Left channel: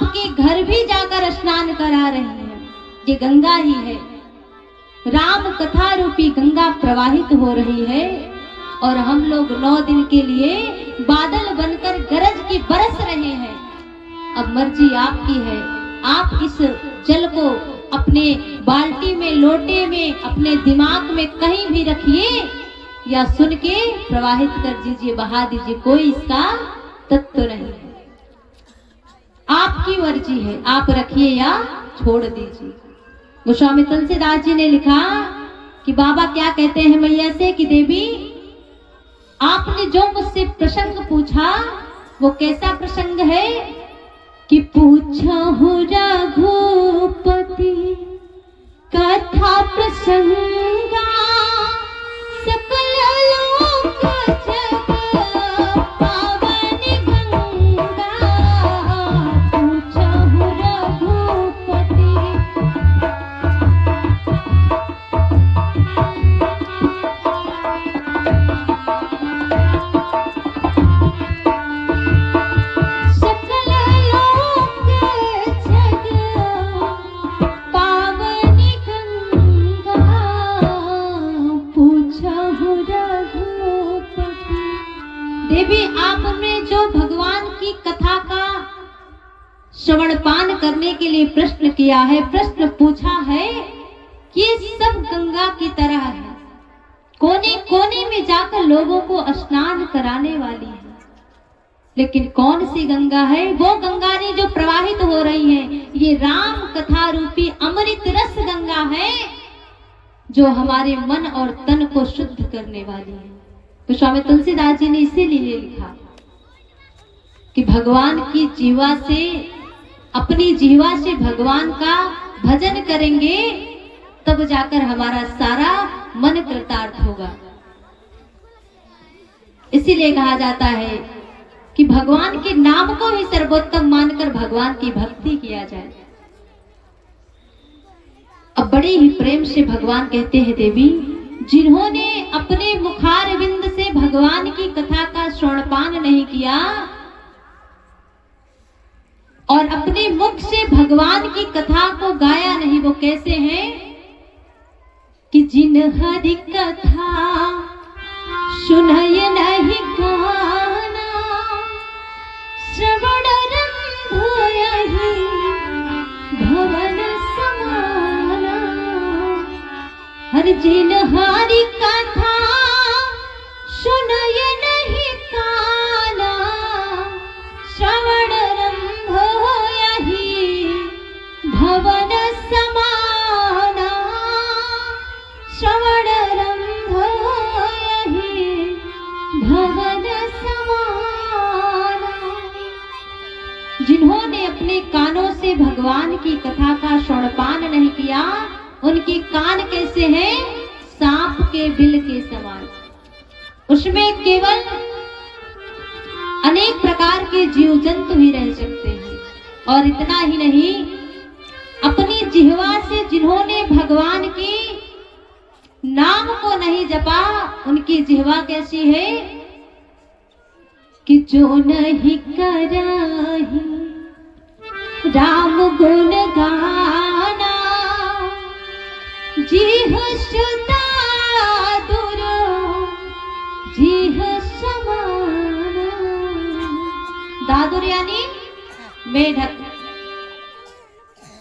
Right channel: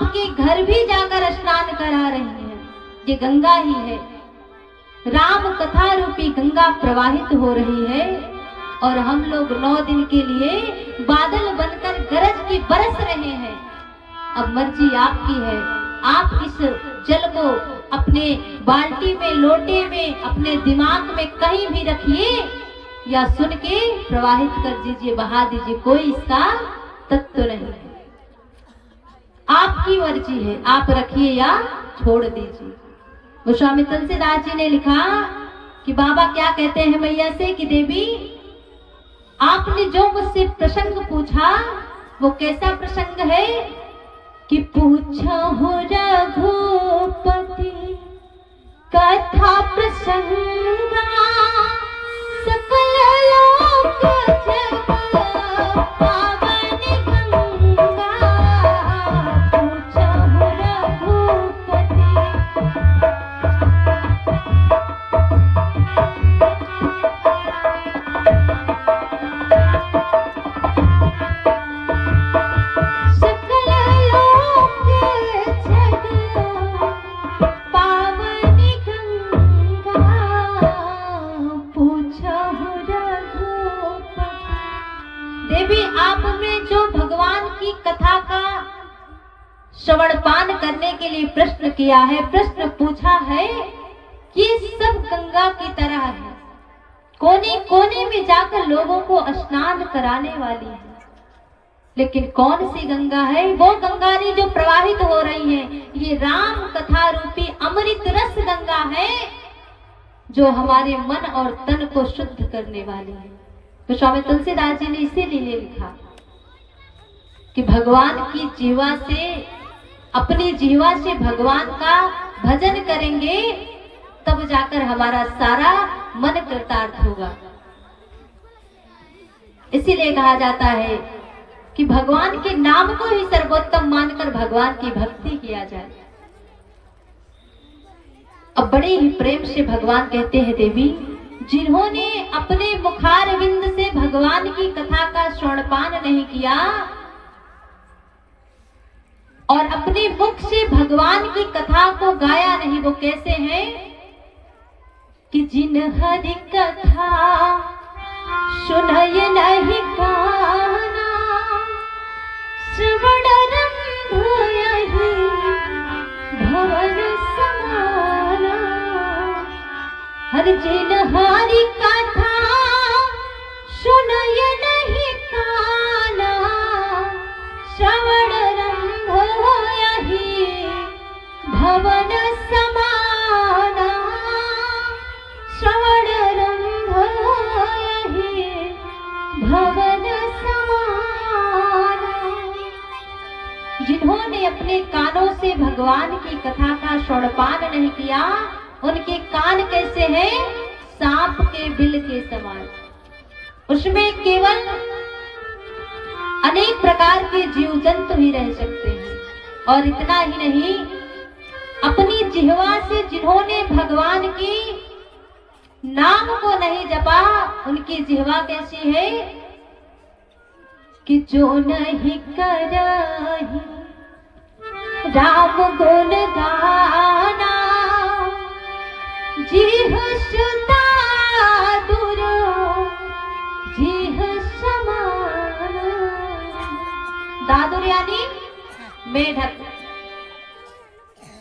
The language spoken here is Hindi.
आपके घर भी जाकर स्नान करा रही हैं। ये गंगा ही है, राम कथा रूपी गंगा प्रवाहित हो रही है और हम लोग 9 दिन के लिए बादल बनकर गरज के बरस रहे हैं। अब मर्जी आपकी है, आप इस जल को अपने बाल्टी में, लोटे में, अपने दिमाग में कहीं भी रखिए या सुन के प्रवाहित कर दीजिए, बहा दीजिए, कोई इसका तत्व नहीं है। आपकी मर्जी है, आप रखिए या छोड़ दीजिए। गोस्वामी तुलसीदास जी ने लिखा कि बाबा क्या कहते हैं मैया से कि देवी आपने जो मुझसे प्रसंग पूछा वो कैसा प्रसंग है कि पूछा हो रघुपति कथा प्रसंगा सकल लोक जग पावन गंगा। पूछा हो रघुपति देवी आपने जो भगवान की कथा का श्रवणपान करने के लिए प्रश्न किया है, प्रश्न पूछा है कि सब गंगा की तरह है, कोने कोने में जाकर लोगों को स्नान कराने वाली है। लेकिन कौन सी गंगा है? वो गंगा नहीं जो प्रवाहित हो रही है, ये राम कथा रूपी अमृत रस गंगा है जो हमारे मन और तन को शुद्ध करने वाली है। तो स्वामी तुलसीदास जी ने इसीलिए लिखा कि भगवान की जीवा से, अपनी जीवा से भगवान का भजन करेंगे तब जाकर हमारा सारा मन कृतार्थ होगा। इसीलिए कहा जाता है कि भगवान के नाम को ही सर्वोत्तम मानकर भगवान की भक्ति किया जाए। अब बड़े ही प्रेम से भगवान कहते हैं देवी जिन्होंने अपने मुखारविंद से भगवान की कथा का श्रवणपान नहीं किया और अपने मुख से भगवान की कथा को गाया नहीं, वो कैसे हैं कि जिन हरि कथा सुनय नहीं गाना श्रवण रंभ यहि भवन समाना। हर जिन हरि कथा सुनय नहीं गाना श्रवण रंभ यहि भवन समाना। श्रवण रंभ यहि भवन समाना। जिन्होंने अपने कानों से भगवान की कथा का श्रवणपान नहीं किया उनके कान कैसे हैं? सांप के बिल के समान। उसमें केवल अनेक प्रकार के जीव जंतु ही रह सकते हैं। और इतना ही नहीं, अपनी जिह्वा से जिन्होंने भगवान की नाम को नहीं जपा उनकी जिह्वा कैसी है कि जो नहीं कराही राम गुण गाना जीह सुता दूर जीह समाना। दादुर यानी मेढक।